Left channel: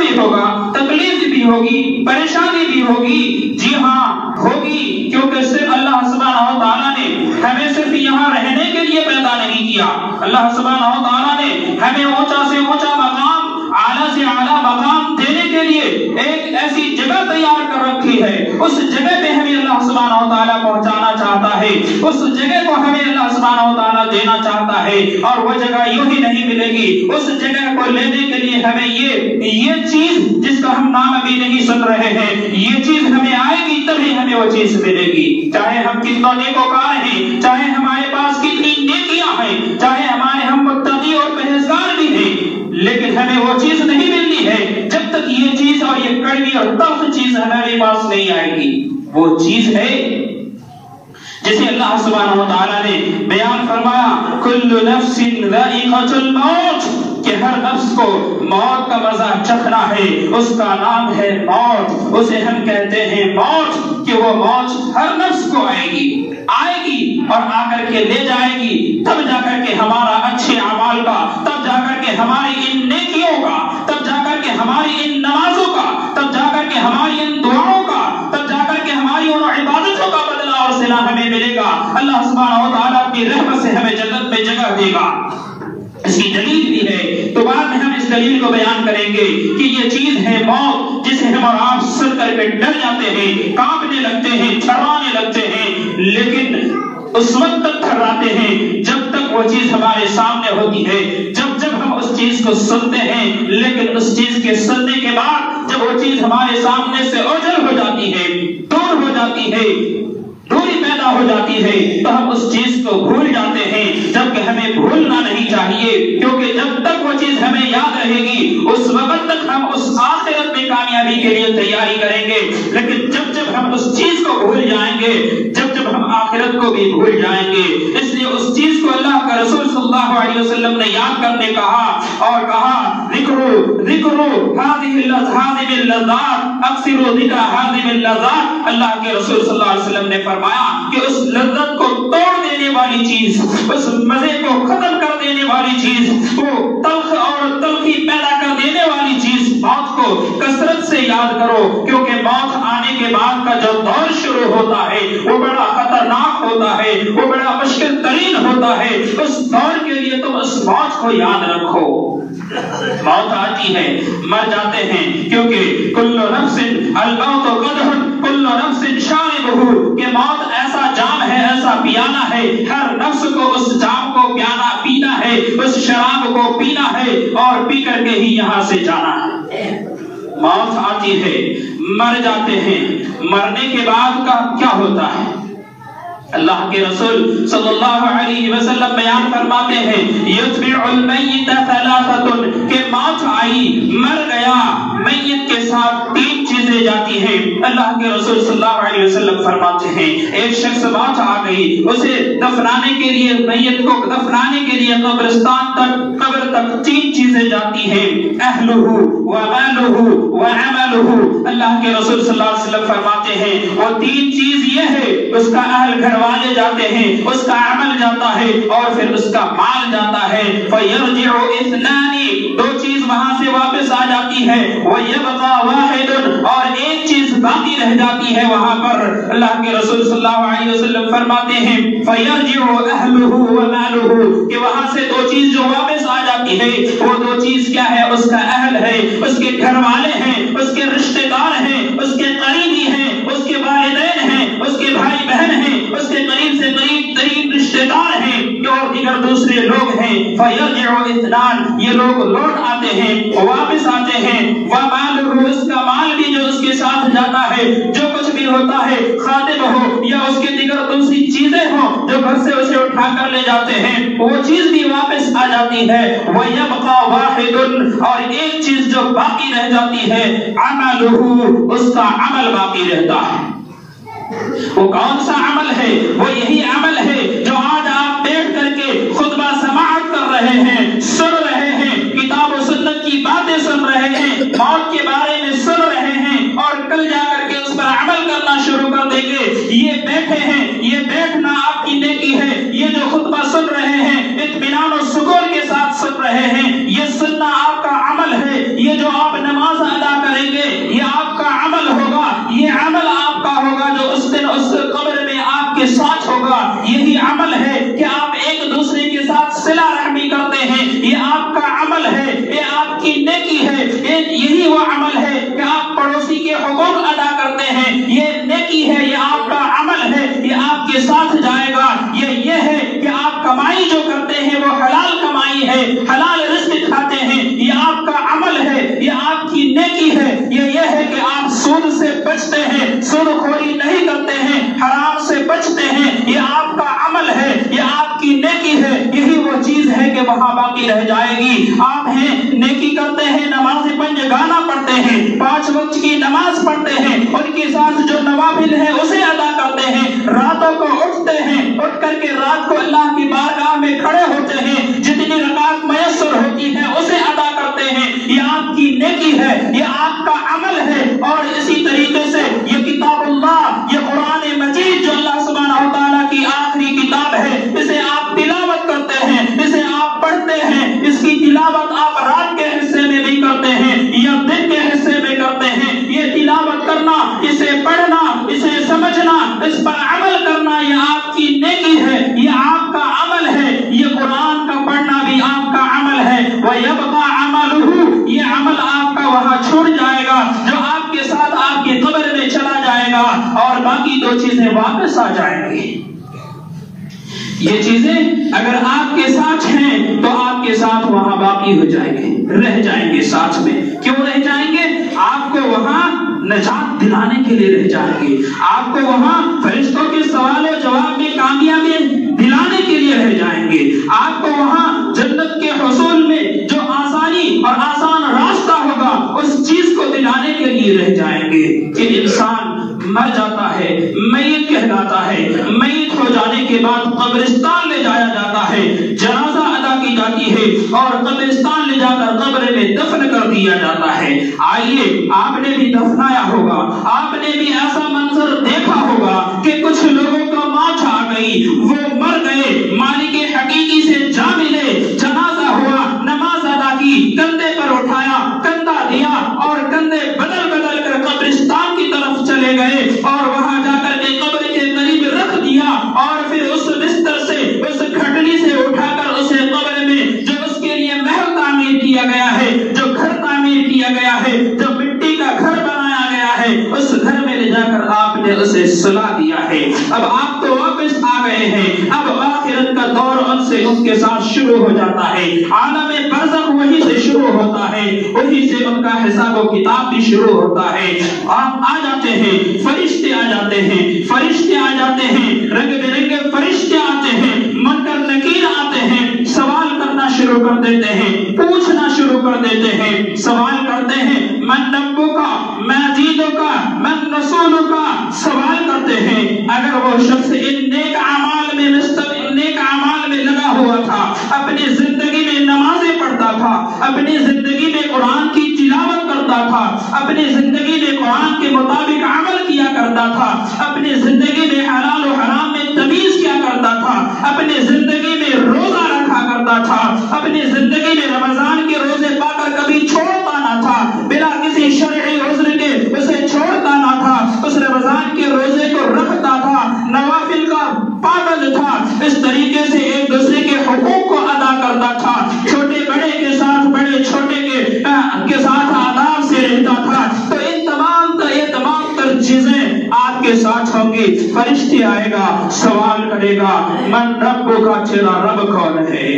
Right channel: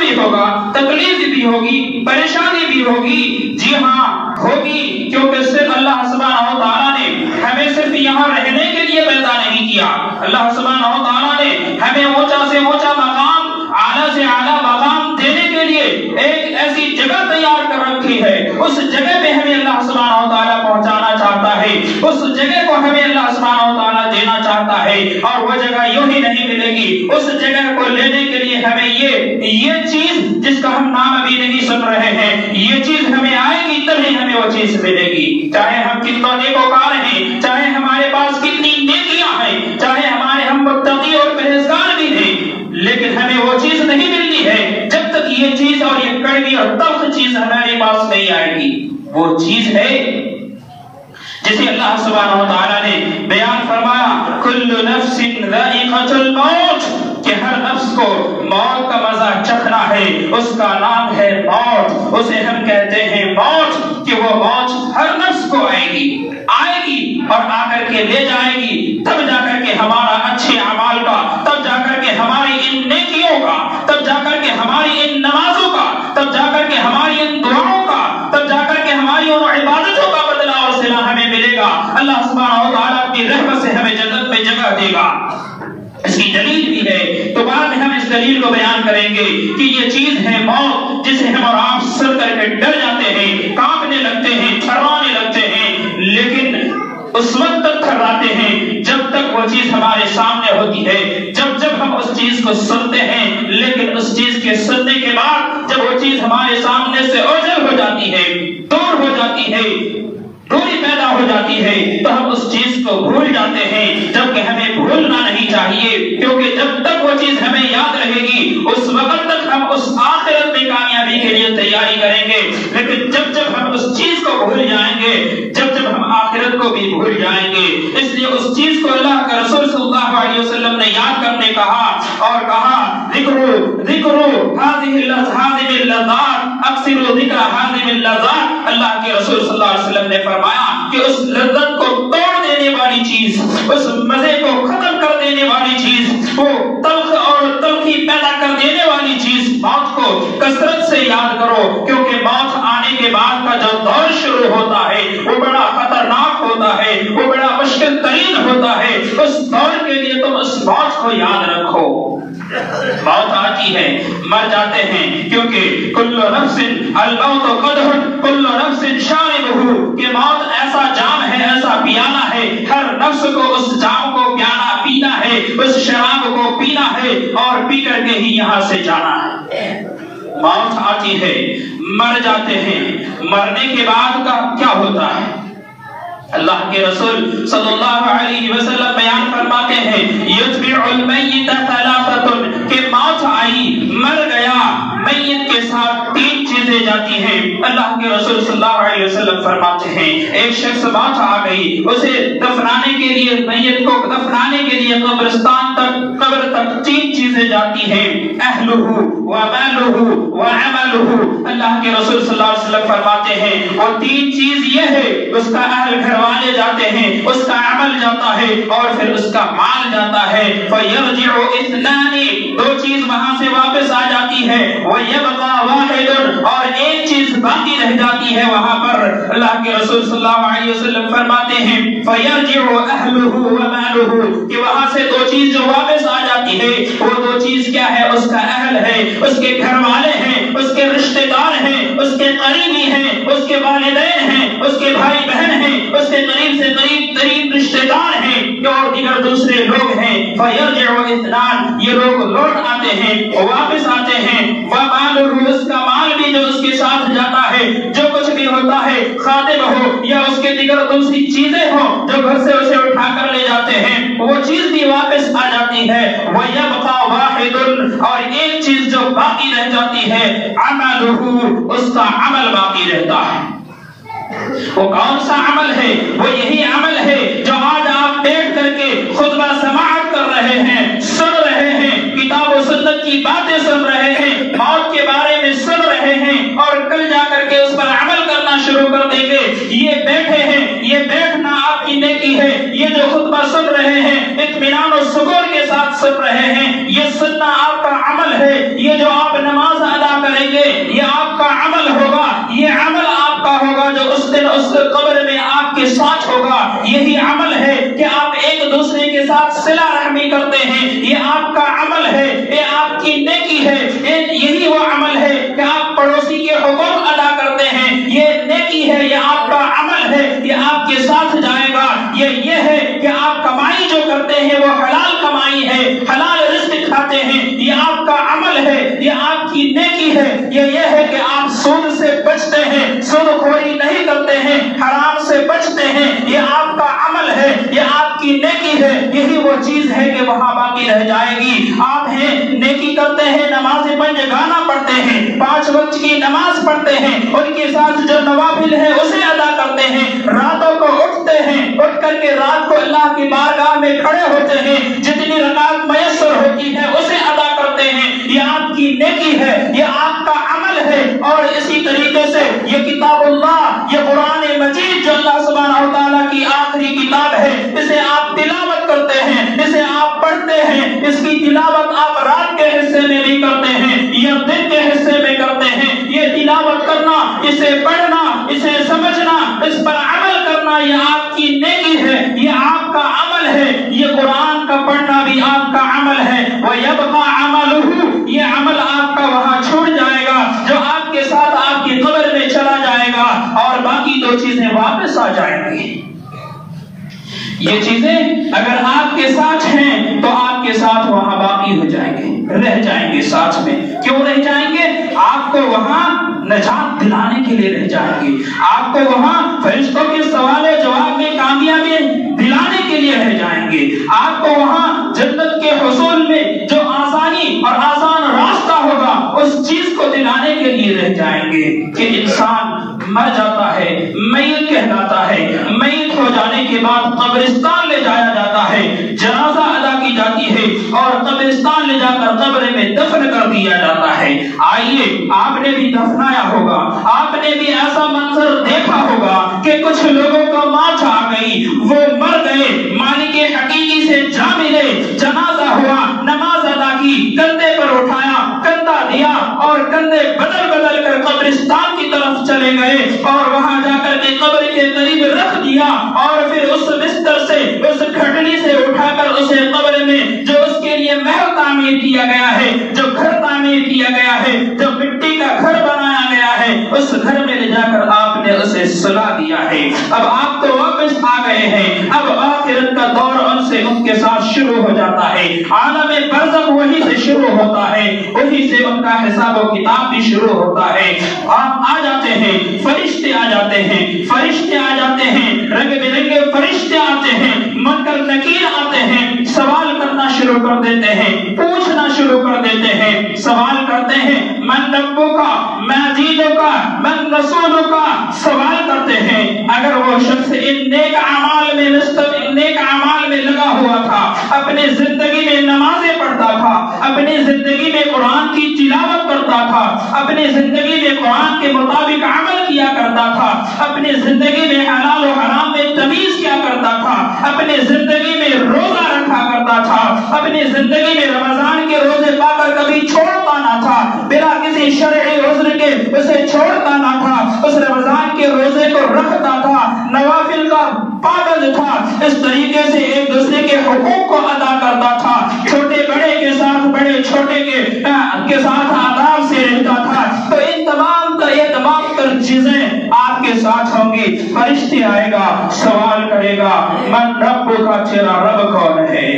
بھی ہوگا، تکلیف بھی ہوگی، پریشانی بھی ہوگی، جی ہاں ہوگی، کیونکہ صرف اللہ سبحانہ و تعالیٰ نے ہمیں صرف یہاں رہنے کے لیے پیدا نہیں کیا. اللہ سبحانہ و تعالیٰ نے ہمیں اونچا سے اونچا مقام، اعلیٰ سے اعلیٰ مقام دینے کے لیے ایک ایسی جگہ تیار کر رکھی ہے. اس جگہ پہ ہمیں اللہ سبحانہ و تعالیٰ پہنچانا چاہتا ہے، اس جگہ کو ہمیں اللہ سبحانہ و تعالیٰ دینا چاہتا ہے. اور وہ جگہ یوں ہی نہیں ملے گی، اس جگہ کو لینے کے لیے ہمیں یہ چیز جس کا ہم نام ابھی نہیں سن رہے ہیں، یہ چیز ہمیں آئے گی تبھی ہمیں وہ چیز ملے گی. چاہے ہم کتنا نیکوکار ہیں، چاہے ہمارے پاس کتنی نیکیاں ہیں، چاہے ہم متقی اور پرہیزگار بھی ہیں، لیکن ہمیں وہ چیز نہیں ملنی ہے جب تک یہ چیز اور یہ کڑوی اور تلخ چیز ہمارے پاس نہیں آئے گی. وہ چیز ہے جسے اللہ سبحانہ و تعالیٰ نے بیان فرمایا کل نفس ذائقۃ الموت، کہ ہر نفس کو موت کا مزہ چکھنا ہے. اس کا نام ہے موت، اسے ہم کہتے ہیں موت، کہ وہ موت ہر نفس کو آئے گی اور آ کر کے لے جائے گی. تب جا کر کے ہمارا اچھے اعمال کا، تب جا کر کے ہماری ان نیکیوں کا، تب جا کر کے ہماری ان نمازوں کا، تب جا کر کے ہماری ان دعاؤں کا، تب جا کر کے ہماری ان عبادتوں کا بدلہ اور صلہ ہمیں ملے گا. اللہ سبحانہ و تعالیٰ اپنی رحمت سے ہمیں جنت میں جگہ دے گا. اس کی دلیل بھی ہے، تو بعد میں ہم اس دلیل کو بیان کریں گے کہ یہ چیز ہے موت، جسے ہم اور آپ سر کر کے ڈر جاتے ہیں، کانپنے لگتے ہیں، تھروانے لگتے ہیں، لیکن اس وقت تک تھراتے ہیں جب تک وہ چیز ہمارے سامنے ہوتی ہے. جب ہم اس چیز کو سنتے ہیں، لیکن اس چیز کے سننے کے بعد جب وہ چیز ہمارے سامنے سے اوجھل ہو جاتی ہے، دور ہو جاتی ہے، دوری پیدا ہو جاتی ہے، تو ہم اس چیز کو بھول جاتے ہیں، جبکہ ہمیں بھولنا نہیں چاہیے. کیونکہ جب تک وہ چیز ہمیں یاد رہے گی اس وقت تک ہم اس آخرت میں کامیابی کے لیے تیاری کریں گے. لیکن جب ہم اس چیز کو بھول جائیں گے، جب ہم آخرت کو بھی بھول جائیں گے. اس لیے اس چیز کو اللہ کا رسول صلی اللہ علیہ وسلم نے یاد کرنے کہا اور کہا ذکرو ہذه اللذات، اکثروا ذکر هذه اللذات. اللہ کے رسول صلی اللہ علیہ وسلم نے فرمایا کہ اس لذت کو توڑ دینے والی چیز، اس مزے کو ختم کر دینے والی چیز، وہ تلخ اور تلخی پیدا کر دینے والی چیز موت کو کثرت سے یاد کرو. کیونکہ موت آنے کے بعد کا جو دور شروع ہوتا ہے وہ بڑا خطرناک ہوتا ہے، وہ بڑا مشکل ترین ہوتا ہے. اس دور کے لیے تم اس موت کو یاد رکھو. موت آتی ہے، مر جاتے ہیں، کیونکہ کل نفس الموت قدح کل نفس شاربہ، کہ موت ایسا جام ہے، ایسا پیالہ ہے، ہر نفس کو اس جام کو پینا ہے، اس شراب کو پینا ہے اور پی کر کے ہی یہاں سے جانا ہے. موت آتی ہے، مر جاتے ہیں، مرنے کے بعد کا کیا ہوتا ہے؟ اللہ کے رسول صلی اللہ علیہ وسلم بیان فرماتے ہیں یتبع المیت ثلاثۃ، کہ موت آئی، مر گیا، میت کے ساتھ تین چیزیں جاتی ہیں. اللہ کے رسول صلی اللہ علیہ وسلم فرماتے ہیں ایک شخص موت آ گئی، اسے دفنانے کے لیے، میت کو دفنانے کے لیے قبرستان تک، قبر تک تین چیزیں جاتی ہیں، اہلہ ومالہ وعملہ. اللہ کے رسول صلی اللہ علیہ وسلم فرماتے ہیں وہ تین چیز یہ ہے، اس کا اہل گھر والے جاتے ہیں، اس کا عمل جاتا ہے اور پھر اس کا مال جاتا ہے. فیرجع اثنان، دو چیز وہاں سے واپس آ جاتی ہے، ویبقى واحد، اور ایک چیز باقی رہ جاتی ہے وہاں پر. اللہ کے رسول صلی اللہ علیہ وسلم فرماتے ہیں فیرجع اہلہ ومالہ، کہ وہاں سے دو چیز جو واپس آ جاتی ہے وہ دو چیز کیا ہے؟ اس کا اہل ہے، اس کے گھر والے ہیں، اس کے رشتہ دار ہیں، اس کے قریبی ہیں، اس کے والدین ہیں، اس کے بھائی بہن ہیں، اس کے قریب سے قریب رشتہ دار ہیں اور دیگر دوسرے لوگ ہیں. فیرجع اثنان، یہ لوگ لوٹ آتے ہیں، واپس آتے ہیں. ومالہ، اس کا مال بھی جو اس کے ساتھ جاتا ہے، جو کچھ بھی ہوتا ہے، خادم ہو یا اس کے دیگر دوسری چیزیں ہوں جو گھر سے اسے اٹھا کر لے جاتے ہیں، وہ چیز بھی واپس آ جاتی ہے. ویبقى واحد، اور ایک چیز جو باقی رہ جاتی ہے، عملہ، اس کا عمل باقی رہتا ہے. وہ کون سا عمل ہے؟ وہ یہی عمل ہے جو آج آپ بیٹھ کر کے خطبہ سماعت کر رہے ہیں، سن رہے ہیں، کتاب و سنت کی باتیں سن رہے ہیں، موت کے بارے میں سن رہے ہیں اور کل جا کر کے اس پر عمل کرنا شروع کر دیں گے. یہ بیٹھے ہیں، یہ بیٹھنا آپ کی نیکی ہے. یہ جو خطبہ سن رہے ہیں اطمینان و سکون کے ساتھ سن رہے ہیں، یہ سننا آپ کا عمل ہے. یہ جو آپ نماز یہ آپ کی نیکی ہے، یہ ہے کہ آپ سود سے بچتے ہیں، سود خوری نہیں کرتے ہیں، حرام سے بچتے ہیں، یہ آپ کا عمل ہے، یہ آپ کی نیکی ہے، یہی وہ چیز ہے کہ وہاں باقی رہ جائے گی۔ آپ ہیں نیکی کرتے ہیں، نماز پنجگانہ پڑھتے ہیں، 5 وقت کی نماز پڑھتے ہیں، ان کے ساتھ جو نوافل ہے اسے ادا کرتے ہیں، راتوں کو اٹھتے ہیں، اٹھ کر کے رات کو اللہ کی بارگاہ میں کھڑے ہوتے ہیں، جتنی رکعت میسر ہوتی ہے اسے ادا کرتے ہیں، یہ آپ کی نیکی ہے، یہ آپ کا عمل ہے۔ اور اسی طریقے سے یہ کتاب اللہ، یہ قرآن مجید جو اللہ سبحانہ و تعالیٰ کی آخری کتاب ہے، اسے آپ تلاوت کرتے ہیں، اسے آپ پڑھتے ہیں، اس کی تلاوت آپ رات کے حصے میں بھی کرتے ہیں یا دن کے حصے میں کرتے ہیں، یہ تلاوت کرنا، اسے پڑھنا، اسے سمجھنا، اس پر عمل کرنا، یہ آپ کی نیکی ہے، یہ آپ کا عمل ہے، یہ قرآن کا پڑھنا بھی آپ کا عمل ہے۔ وَيَبْقَى عَمَلُهُ، یہ عمل آپ کا وہاں چھوڑ جائے گا جو آپ کے ساتھ آپ کی قبر میں چلا جائے گا، اور باقی 2 چیزیں واپس آ جائیں گی۔ یہ چیزیں اگر آپ کے ساتھ ہیں تو آپ کے ساتھ وہاں باقی ہو جائیں گے، رہ جائیں گے ساتھ میں۔ کیوں رہ جائیں گے؟ آپ کو وہاں نجات دلانے کے لیے رہ جائیں گے، آپ کو وہاں فرشتوں کے سوال و جواب میں کامیابی دلانے کے لیے رہ جائیں گے، آپ کو وہاں جنت کے حصول میں جو آسانی اور آسان راستہ ہوگا اس چیز کو دلانے کے لیے رہ جائیں گے کہ انسان مر جاتا ہے، میت کہلاتا ہے، میت ہو جانے کے بعد قبرستان لے جایا جاتا ہے، جنازہ ادا کی جاتی ہے اور قبرستان لے جا کر قبر میں دفن کر دیا جاتا ہے۔ آئیے، آپ نے بھی دفنایا ہوگا، آپ نے بھی ایسا منظر دیکھا ہوگا کہ کچھ لوگوں کا موت آ گئی، وہ مر گئے، مالک حقیقی سے جا ملے، جنازہ ہوا، نماز ادا کی، کندھے پر اٹھایا، کندھا دیا اور کندھے بدل بدل کر قبرستان کی طرف چلے گئے اور وہاں جا کر کے قبر کے قریب رکھ دیا، اور پھر اس بستر سے، اس کھٹنی سے اٹھا کر اسے قبر میں جو اس کے لیے محل تعمیر کیا گیا ہے، جو گھر تعمیر کیا گیا ہے، جو مٹی کا گھر بنایا گیا ہے، اس گھر میں لے جا کر آپ نے اسے سلا دیا ہے۔ اب آپ تو واپس آ گئے ہیں، اب آخرت کا دور ان کے ساتھ شروع ہو جاتا ہے، عالم برزخ وہی سے شروع ہوتا ہے، وہی سے ان کا حساب و کتاب بھی شروع ہوتا ہے۔ آپ آ جاتے ہیں، فرشتے آ جاتے ہیں، فرشتے آ جاتے ہیں، رنگ برنگے فرشتے آتے ہیں، منکر نکیر آتے ہیں، سوال کرنا شروع کر دیتے ہیں، پوچھنا شروع کر دیتے ہیں، سوال کرتے ہیں من ربک ما دینک من رسولک، سوال کرتے ہیں۔ اگر وہ شخص ان نیک اعمال میں لگا ہوا تھا، اپنی زندگی میں نمازیں پڑھتا تھا، اپنی زندگی میں قرآن کی تلاوت کرتا تھا، اپنی زندگی میں قرآن کے مطابق عمل کیا کرتا تھا، اپنی زندگی میں حلال و حرام میں تمیز کیا کرتا تھا، اپنی زندگی میں روزہ رکھا کرتا تھا، اپنی زندگی میں رمضان کے روزے پا کر کبھی چھوڑتا نہ تھا، بلا کسی شرعی عذر کے اسے چھوڑتا نہ تھا، اس رمضان کے روزے کو رکھتا تھا، نوافل کا پابند تھا، اس طریقے سے ایک دوسرے کے حقوق کو ادا کرتا تھا، چھوٹے بڑے کے ساتھ، بڑے چھوٹے کے ساتھ آداب سے رہتا تھا۔ تو ان تمام تر چیزیں آپ کے ساتھ ہوں گی۔ فرشتے آئے گا، سوال کرے گا من رب کا، تیرا رب کون ہے؟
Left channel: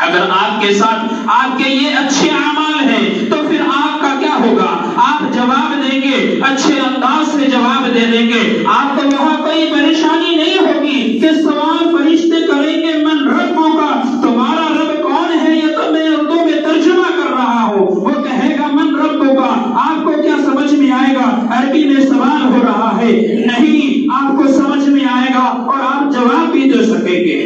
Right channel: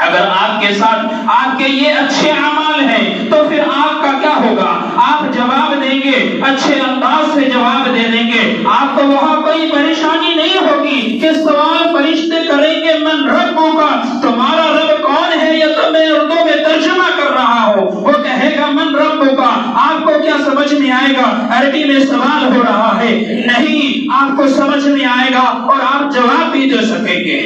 اگر آپ کے ساتھ آپ کے یہ اچھے اعمال ہیں تو پھر آپ کا کیا ہوگا؟ آپ جواب دیں گے، اچھے انداز سے جواب دے دیں گے، آپ کو وہاں کوئی پریشانی نہیں ہوگی کہ سوال فرشتے کریں گے من ربو کا، تمہارا رب کون ہے؟ یہ تو میں اردو میں ترجمہ کر رہا ہوں، وہ کہے گا من ربو کا، آپ کو کیا سمجھ میں آئے گا؟ عربی میں سوال ہو رہا ہے، نہیں، آپ کو سمجھ میں آئے گا اور آپ جواب بھی دے سکیں گے۔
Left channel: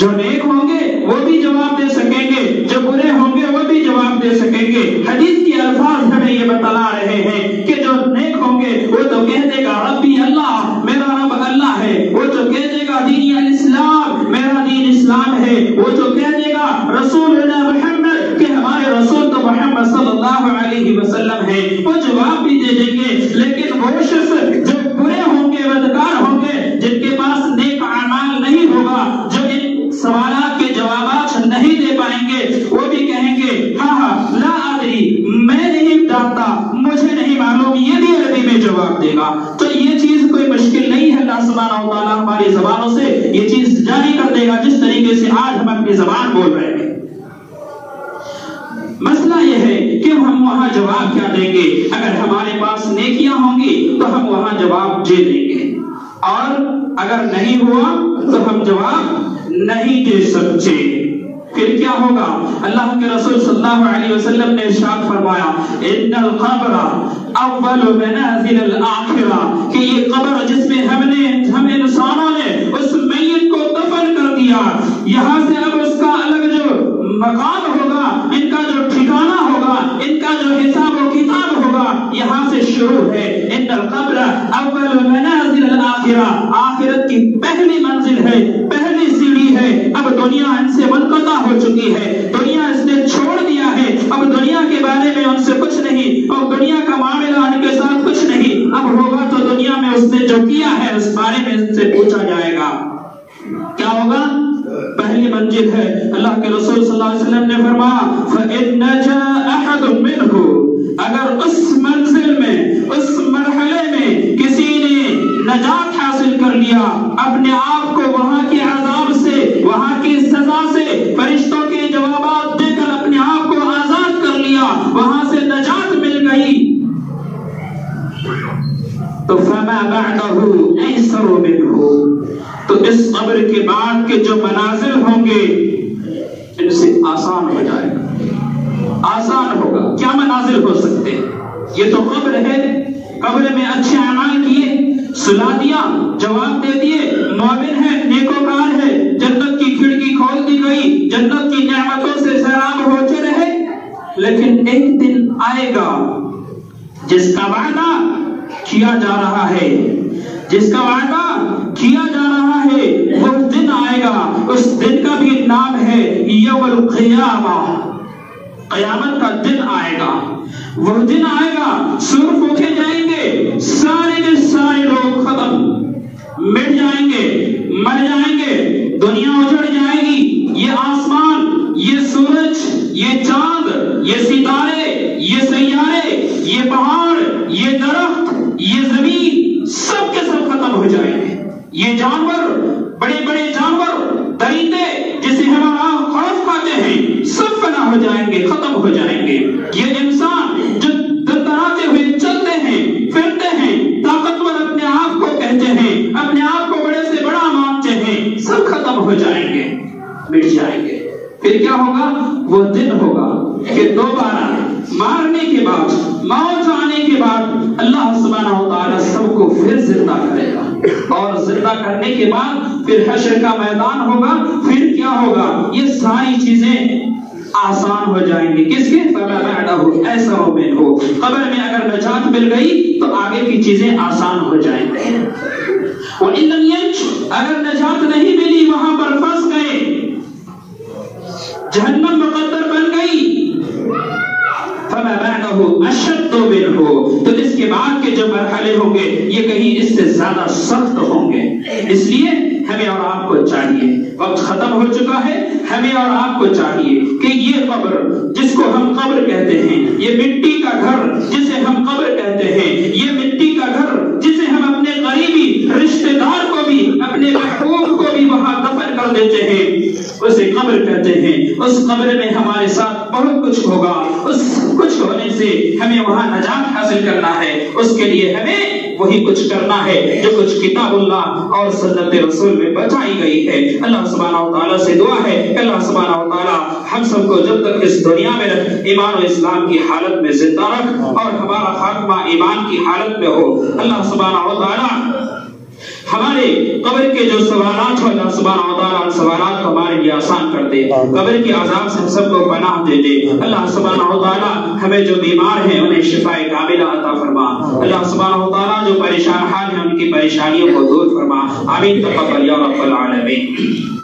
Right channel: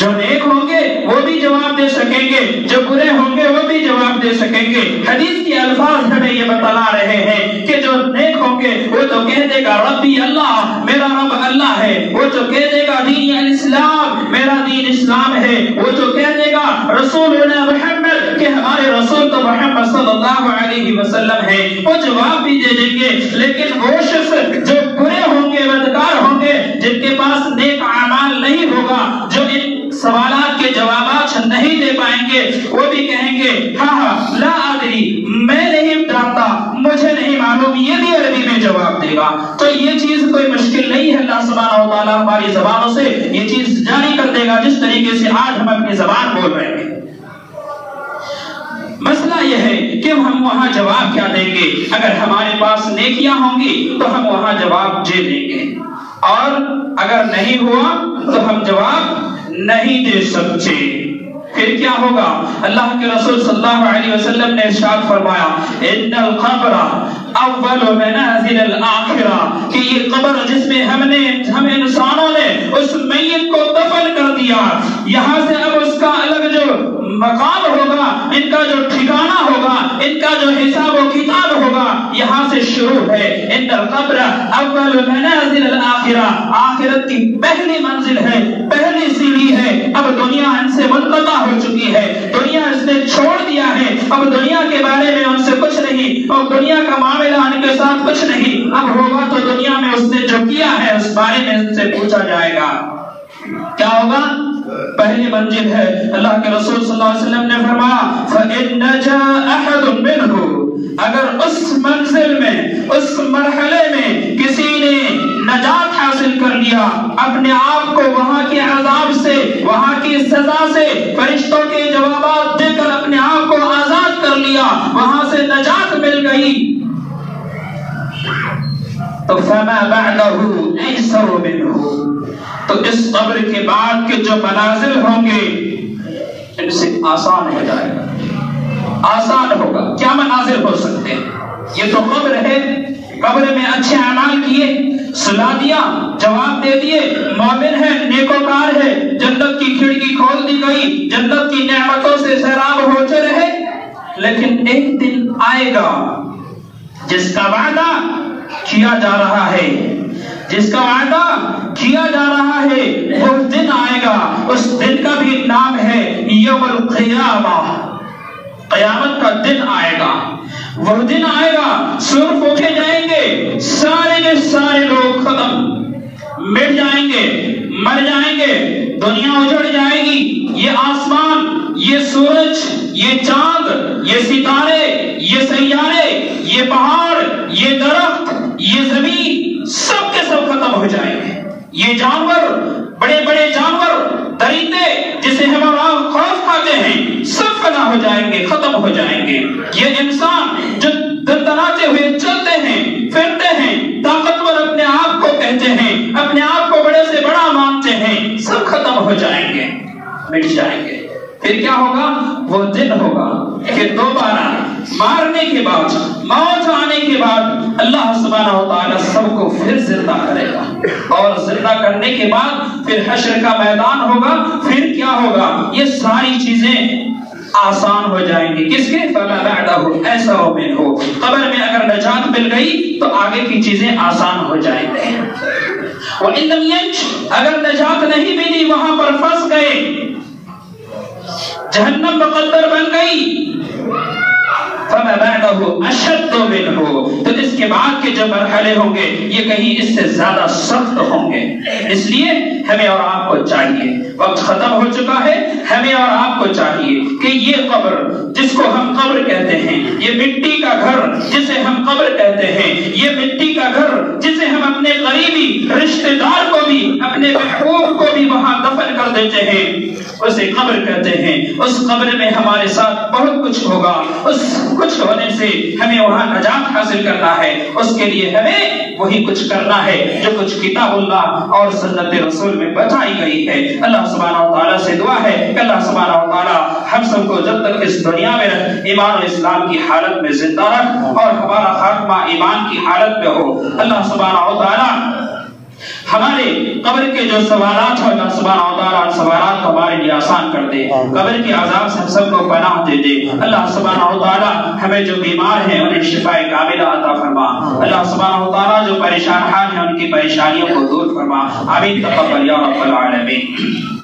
جو نیک ہوں گے وہ بھی جواب دے سکیں گے، جو برے ہوں گے وہ بھی جواب دے سکیں گے۔ حدیث کے الفاظ ہمیں یہ بتلا رہے ہیں کہ جو نیک ہوں گے وہ تو کہہ دے گا ربی اللہ، میرا رب اللہ ہے، وہ جو کہہ دے گا دین الاسلام، میرا دین اسلام ہے، وہ جو کہہ دے گا رسولنا محمد، کہ ہمارے رسول تو محمد صلی اللہ علیہ وسلم ہے، وہ جواب بھی دے دیں گے۔ لیکن وہ شخص جو برے ہوں گے، بدکار ہوں گے، جن کے پاس نیک اعمال نہیں ہوگا، جو ان سوالات کے جوابات نہیں دے پائیں گے، وہ بھی کہیں گے ہاں لا ادری، میں نہیں جانتا، مجھے نہیں معلوم، یہ بھی عربی میں جواب دے گا۔ تو یہ چیز کوئی مشکل نہیں ہے، اللہ سبحانہ و تعالیٰ ہماری زبانوں سے یہ چیز جاری کر دے گا جس طریقے سے آج ہم اپنی زبان بول رہے ہیں۔ مسئلہ اب ہم وہاں جواب کیا دیں گے؟ اگر ہمارے پاس نیکیاں ہوں گی تو ہم وہاں جواب دے دیں گے، اور اگر نہیں ہوا تو ہم جواب نہیں دے سکتے۔ پھر کیا ہوگا؟ اللہ کے رسول صلی اللہ علیہ وسلم نے ارشاد فرمایا ان القبر اول منازل الآخرہ، کہ یہ قبر جس میں ہم انسانوں نے اس میت کو دفن کر دیا، یہاں سے اب اس کا الگ جو مقام ہوگا، ان کا جو ٹھکانہ ہوگا، ان کا جو حساب و کتاب ہوگا، یہاں سے شروع ہے۔ ان القبر اول منازل الآخرہ، آخرت کی پہلی منزل ہے، پہلی سیڑھی ہے۔ اب دنیا ان سے منقطع ہو چکی ہے، دنیا اس نے چھوڑ دیا ہے، اب دنیا کے بارے میں ان سے کچھ نہیں، اور دنیا کا معاملہ ان کے ساتھ کچھ نہیں۔ اب ہوگا تو دنیا میں اس نے جو کیا ہے اس بارے میں ان سے پوچھا جائے گا۔ کیا ہوگا؟ پہلی منزل ہے۔ اللہ کے رسول صلی اللہ علیہ وسلم نے فرمایا فَإِن نَجَا أَحَدٌ مِّنْهُ، اگر اس منزل میں، اس مرحلے میں کسی نے نجات حاصل کر لیا، اپنے آپ کو وہاں کے عذاب سے، وہاں کی سزا سے، فرشتوں کے جوابات دے کر اپنے آپ کو آزاد کر لیا، وہاں سے نجات مل گئی، تو فَمَا بَعْدَهُ أَيْسَرُ مِنْهُ، تو اس قبر کے بعد کے جو منازل ہوں گے ان سے آسان ہو جائے گا، آسان ہوگا۔ کیا منازل ہو سکتے ہیں؟ یہ تو قبر ہے، قبر میں اچھے اعمال کیے، سلا دیا، جواب دے دیے، مومن ہے، نیکوکار ہے، جنت کی کھڑکی کھول دی گئی، جنت کی نعمتوں سے سیراب ہوتے رہے۔ لیکن ایک دن آئے گا جس کا وعدہ کیا جا رہا ہے، جس کا وعدہ کیا جا رہا ہے، وہ دن آئے گا۔ اس دن کا بھی نام ہے یوم القیامہ، قیامت کا دن آئے گا۔ وہ دن آئے گا، سور پھونکے جائیں گے، سارے کے سارے لوگ ختم، مٹ جائیں گے، مر جائیں گے، دنیا اجڑ جائے گی، یہ آسمان، یہ سورج، یہ چاند، یہ ستارے، یہ سیارے، یہ پہاڑ، یہ درخت، یہ زمین، سب کے سب ختم ہو جائیں گے۔ یہ جانور، بڑے بڑے جانور، درندے جسے ہم خوف کھاتے ہیں، سب فنا ہو جائیں گے، ختم ہو جائیں گے۔ یہ انسان جو دندناتے ہوئے چلتے ہیں، پھرتے ہیں، طاقتور اپنے آپ کو کہتے ہیں، اپنے آپ کو بڑے سے بڑا مانتے ہیں، سب ختم ہو جائیں گے، مٹ جائیں گے۔ پھر کیا ہوگا؟ وہ دن ہوگا کہ دوبارہ مارنے کے بعد، موت آنے کے بعد اللہ سبحانہ و تعالیٰ سب کو پھر زندہ کرے گا، اور زندہ کرنے کے بعد پھر حشر کا میدان ہوگا۔ پھر کیا ہوگا؟ یہ ساری چیزیں آسان ہو جائیں گی۔ کس کے؟ فَمَا بَعْدَهُ أَيْسَرُ مِنْهُ، قبر میں اگر نجات مل گئی تو آگے کی چیزیں آسان ہو جائیں گی۔ وَإِن لَمْ يَنْجُ، اگر نجات نہیں ملی، وہاں پر پھنس گئے، جہنم مقدر بن گئی، فَمَا بَعْدَهُ أَشَدُّ مِنْهُ، تو اس کے بعد کے جو مرحلے ہوں گے یہ کہیں اس سے زیادہ سخت ہوں گے۔ اس لیے ہمیں اور آپ کو چاہیے، وقت ختم ہو چکا ہے، ہمیں اور آپ کو چاہیے کہ یہ قبر جس کو ہم قبر کہتے ہیں، یہ مٹی کا گھر جسے ہم قبر کہتے ہیں، یہ مٹی کا گھر جسے ہم اپنے قریبی رشتہ دار کو بھی، اپنے محبوب کو بھی وہاں دفن کر دیتے ہیں، اسے قبر کہتے ہیں۔ اس قبر میں ہمارے ساتھ بہت کچھ ہوگا، اس کچھ ہونے سے ہمیں وہاں نجات حاصل کرنا ہے۔ اس کے لیے ہمیں وہی کچھ کرنا ہے جو کچھ کتاب اللہ اور سنت رسول میں بتائی گئی ہے۔ اللہ سبحانہ و تعالیٰ سے دعا ہے کہ اللہ سبحانہ و تعالیٰ ہم سب کو جب تک اس دنیا میں ایمان و اسلام کی حالت میں زندہ رکھ، اور ہمارا خاتمہ ایمان کی حالت میں ہو۔ اللہ سبحانہ و تعالیٰ ہمارے قبر کے جو سوالات ہو، اللہ سبحانہ و تعالیٰ سوالات ہمارے لیے آسان کر دے، قبر کی عذاب سے ہم سب کو پناہ دے دے۔ اللہ سبحانہ و تعالیٰ ہمیں جو بیمار ہیں انہیں شفاء کاملہ عطا فرما۔ اللہ سبحانہ و تعالیٰ جو پریشان حال ہیں ان کی پریشانیوں کو دور فرما۔ آمین تقبل یا رب العالمین۔